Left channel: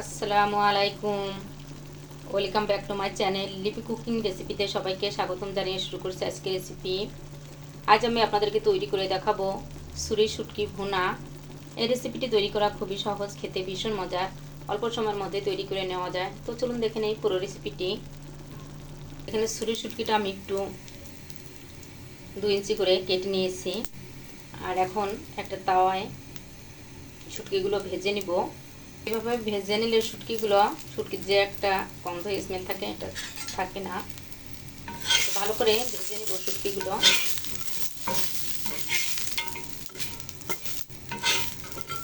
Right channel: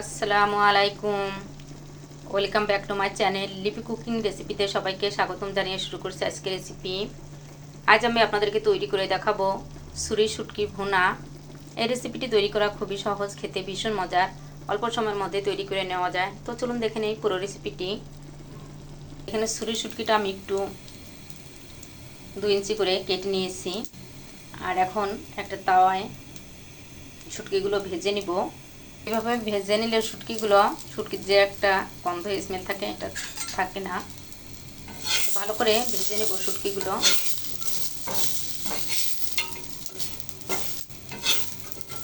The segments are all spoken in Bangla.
আসসালামু আলাইকুম। Welcome back to my channel লিপি কুকিং রেসিপিতে সবাইকে স্বাগতম জানিয়ে শুরু করছি আজকের রেসিপি। আজ আমি আপনাদেরকে তৈরি করে দেখাবো ছুরি শুটকি ভুনা। এই রেসিপিটি তৈরি করা খুবই সহজ, খেতে ভীষণ মজার, অল্প সময়ের মধ্যে তৈরি করে নেওয়া যায়। তো চলুন দেখে নেই পুরো রেসিপিটি। এখানে ছুরি শুটকিটা আমি একটু 2 ইঞ্চি করে কেটে নিয়েছি। আর এখন একটা তাওয়ায় শুটকিগুলো ভেজে নিব। এভাবে ভেজে নিলে শুটকির যে একটা গন্ধ স্মেল থাকে এটা থাকে না। ভালো করে ভেজে নেব শুটকিগুলো।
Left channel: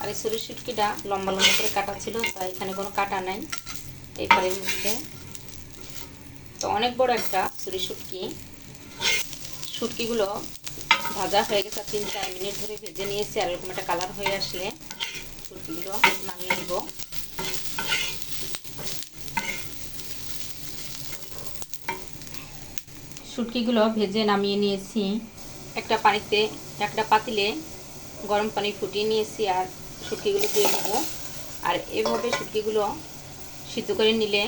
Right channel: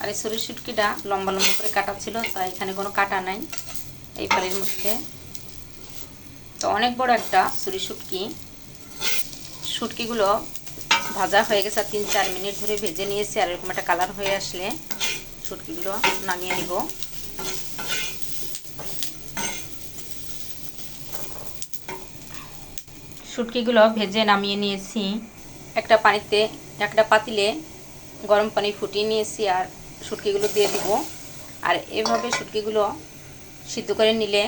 আর এই ছুরির শুটকিটা লম্বা লম্বা করে কাটা ছিল, তাই এখানে কোনো কাটা নাই এই ফালের মধ্যে। তো অনেক বড় একটা ছুরির শুটকিগুলো ভাজা হয়ে গেছে। 3-4 মিনিট ধরে ভেজে নিয়েছি। আর এরকম একটা কালার হয়ে আসলে শুটকিগুলো নামিয়ে নিব। শুটকিগুলো ভেজে নামিয়ে নিয়েছি। একটা পাতিলে গরম পানি ফুটিয়ে নিয়েছি আর শুটকিগুলো দিয়ে দিব। আর এভাবে শুটকিগুলো সিদ্ধ করে নিলে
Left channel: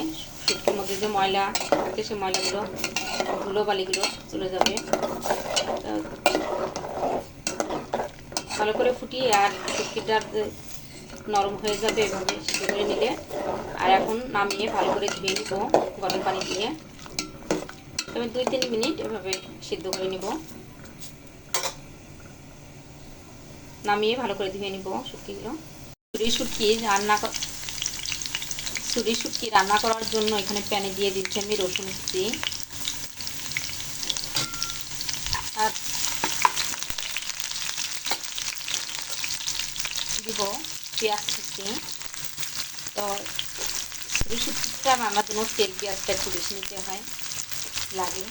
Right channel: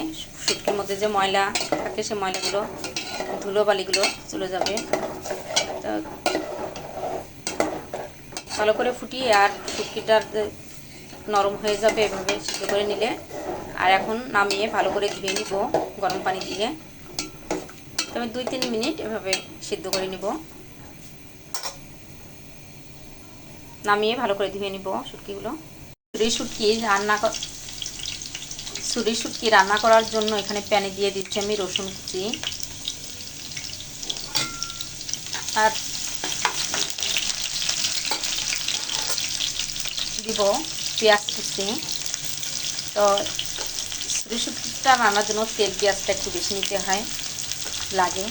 শুটকির মধ্যে যে ময়লা থাকে সে ময়লাগুলো, ধুলোবালিগুলো চলে যাবে। ভালো করে ফুটিয়ে আর শুটকিটা নরম হয়ে যাবে এভাবে সিদ্ধ করে নিলে। আর এখন নামিয়ে ভালো করে ধুয়ে নিব গরম পানি দিয়ে। আমি 2-3 মিনিট এভাবে সিদ্ধ করে নিব। নামিয়ে ভালো করে ধুয়ে নিব শুটকিগুলো। ছুরি শুটকি রান্না করার জন্য এখানে প্যানে দিয়ে দিচ্ছি আমি রসুন কুচি আর দিব পেঁয়াজ কুচি। তো ছুরি শুটকিটা রান্নার জন্য তেল পেঁয়াজটা একটু বেশি নিতে লাগে।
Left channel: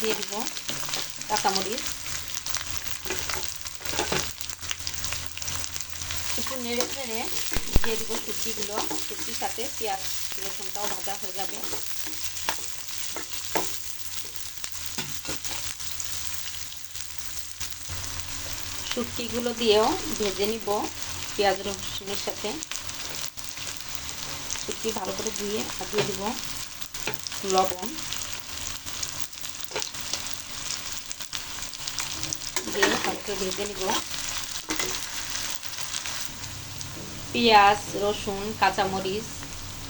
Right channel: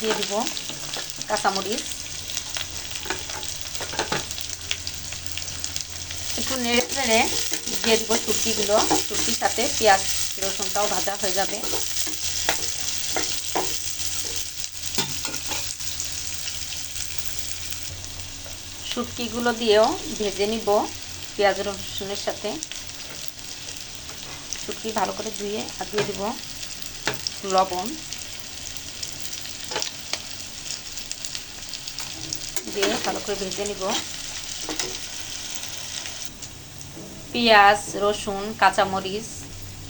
দিয়ে দিব কাঁচামরিচ, একটু নেড়ে নেড়ে দিয়ে দেবো শুটকিগুলো। শুটকির সাথে পেঁয়াজ রসুনটাও ভাজা হয়ে যাবে। শুটকিগুলো দিয়েও ভেজে নিব পেঁয়াজ রসুনের সাথে। শুটকি ভালো করে ধুয়ে আর দিয়ে দেব লবণ, দিয়ে ভালো করে ভেজে নিব। পেঁয়াজ রসুন কাঁচামরিচ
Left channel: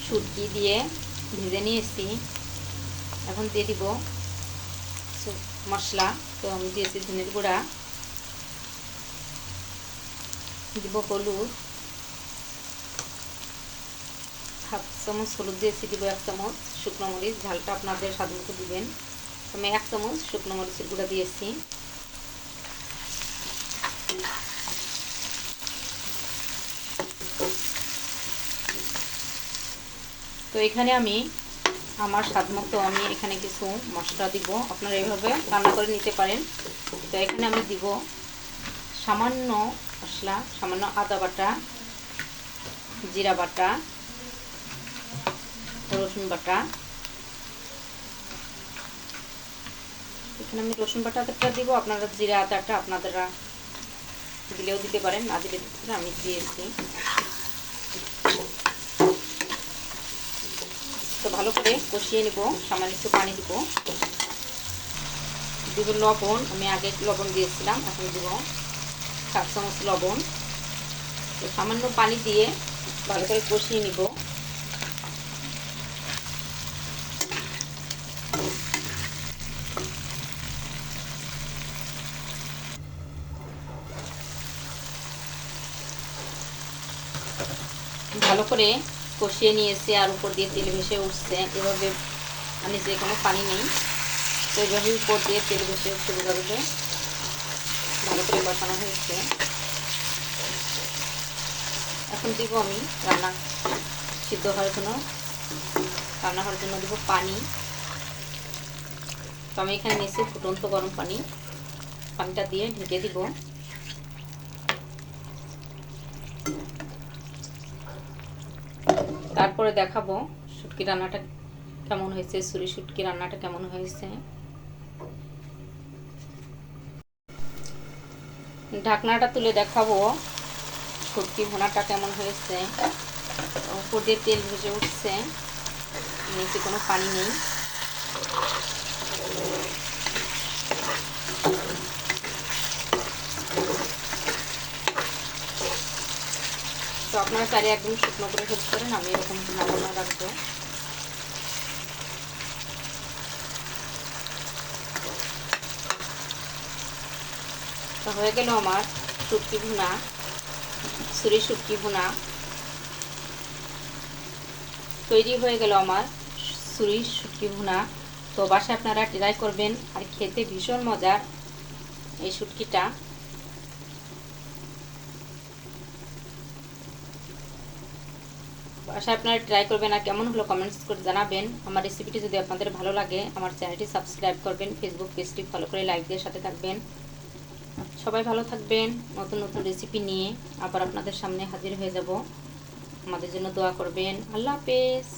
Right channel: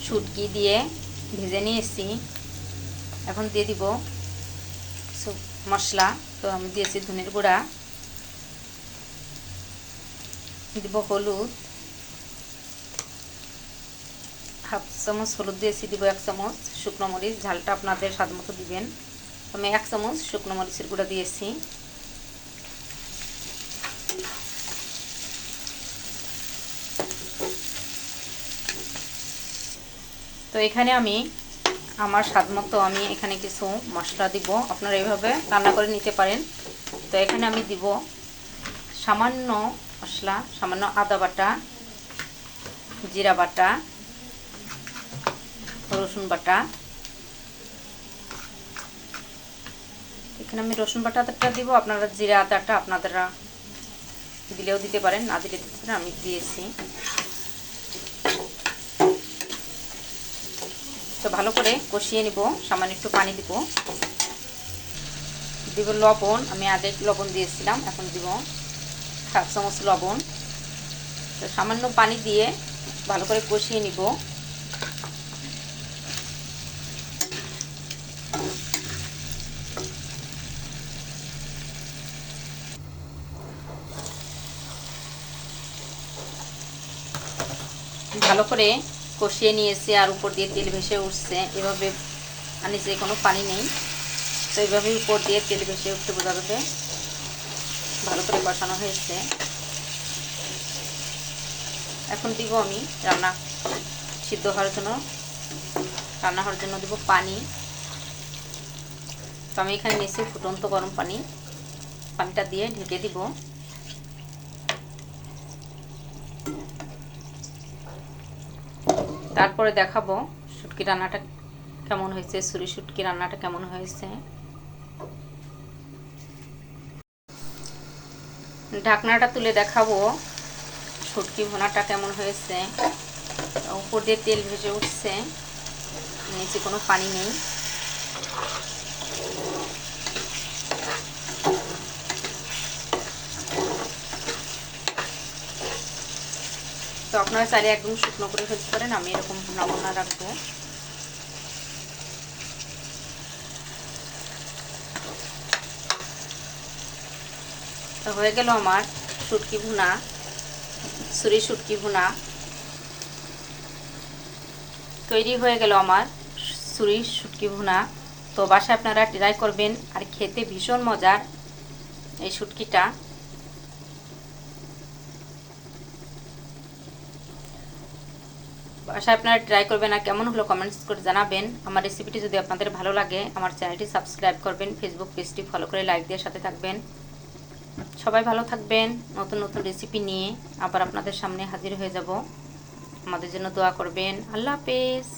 শুটকি দিয়ে ভেজে নিয়েছি। এখন দিয়ে দিব মশলা। তো আমি দিয়েছি ধনের গুঁড়া, দিব হলুদ, হাফ চামচ হলুদ দিয়েছি, দিব 1 চামচ শুকনো মরিচ, ঝালটা আপনাদের স্বাদ মতো দিবেন। আমি 1 চামচ শুকনো মরিচের গুঁড়া দিয়েছি। তো এখানে আমি আমার স্বাদ মতো আমি এখানে কিছু মশলা দিব। আপনারা এভাবে রান্না করে নিতে পারেন। তো এখানে আমি দিব সামান্য মশলা, সামান্য আদা বাটা, জিরা বাটা, রসুন বাটা। এখানে আমি রসুন বাটাটা দিব, আপনারা জিরা আদাটা আপনারা দিলেও দিতে পারেন, না দিলে দিতে পারেন, আমি দিয়েছি। তো ভালো করে কষিয়ে নিব। সামান্য একটু পানি দিব লবণ। আমি আগে লবণ দিয়েছিলাম, এখন দিব 7 চামচ লবণ। তো সামান্য পানি দিয়ে ভালো করে কষিয়ে নিব। ভালো করে কষিয়ে নিয়েছি আর উপর দিয়ে তেল ভেসে উঠছে। এভাবে মানে যে কোনো পানি নেই, তো এইভাবে উপর দিয়ে তেল ভেসে উঠতে বোঝা যাবে ভালো করে কষানো হয়েছে। এখন দিব আমি রান্না হওয়ার জন্য দিব পানি। তো আমি এখানে নিয়েছি ফুটন্ত গরম পানি। পানিটা দিয়ে ঢেকে দিব। তারপরে দেখাবো শুটকি রান্নাটা কেমন হয়েছে, ছুরি শুটকি রান্নাটা কেমন হয়েছে। ঢাকনাটা তুলে দেখাবো শুটকি ভুনাটা কেমন হয়েছে। উপর দিয়ে তেল ভেসে উঠছে, নিচে কোনো পানি নেই। তো আপনারা চাইলে একদম শুকনো করে ফেলতে পারেন, আমি এরকম ভুনা রাখবো। তো হয়ে গেল আমার শুটকি ভুনা, ছুরি শুটকি ভুনা তৈরি হয়ে গেল আমার ছুরি শুটকি ভুনা। তো বাসায় আপনারা ট্রাই করবেন, আর খেতে ভীষণ মজার এই শুটকিটা। বাসায় আপনারা ট্রাই করবেন, আর কেমন হলো কমেন্টস করে জানাবেন। আমার রেসিপিটি যদি আপনাদের ভালো লাগে আমার চ্যানেলটি সাবস্ক্রাইব করবেন, ফেসবুক পেজটি ফলো করে লাইক দিয়ে সাথে থাকবেন। সবাই ভালো থাকবেন। নতুন নতুন রেসিপি নিয়ে আবার আপনাদের সামনে হাজির হয়ে যাব। আমাদের জন্য দোয়া করবেন। আল্লাহ হাফেজ।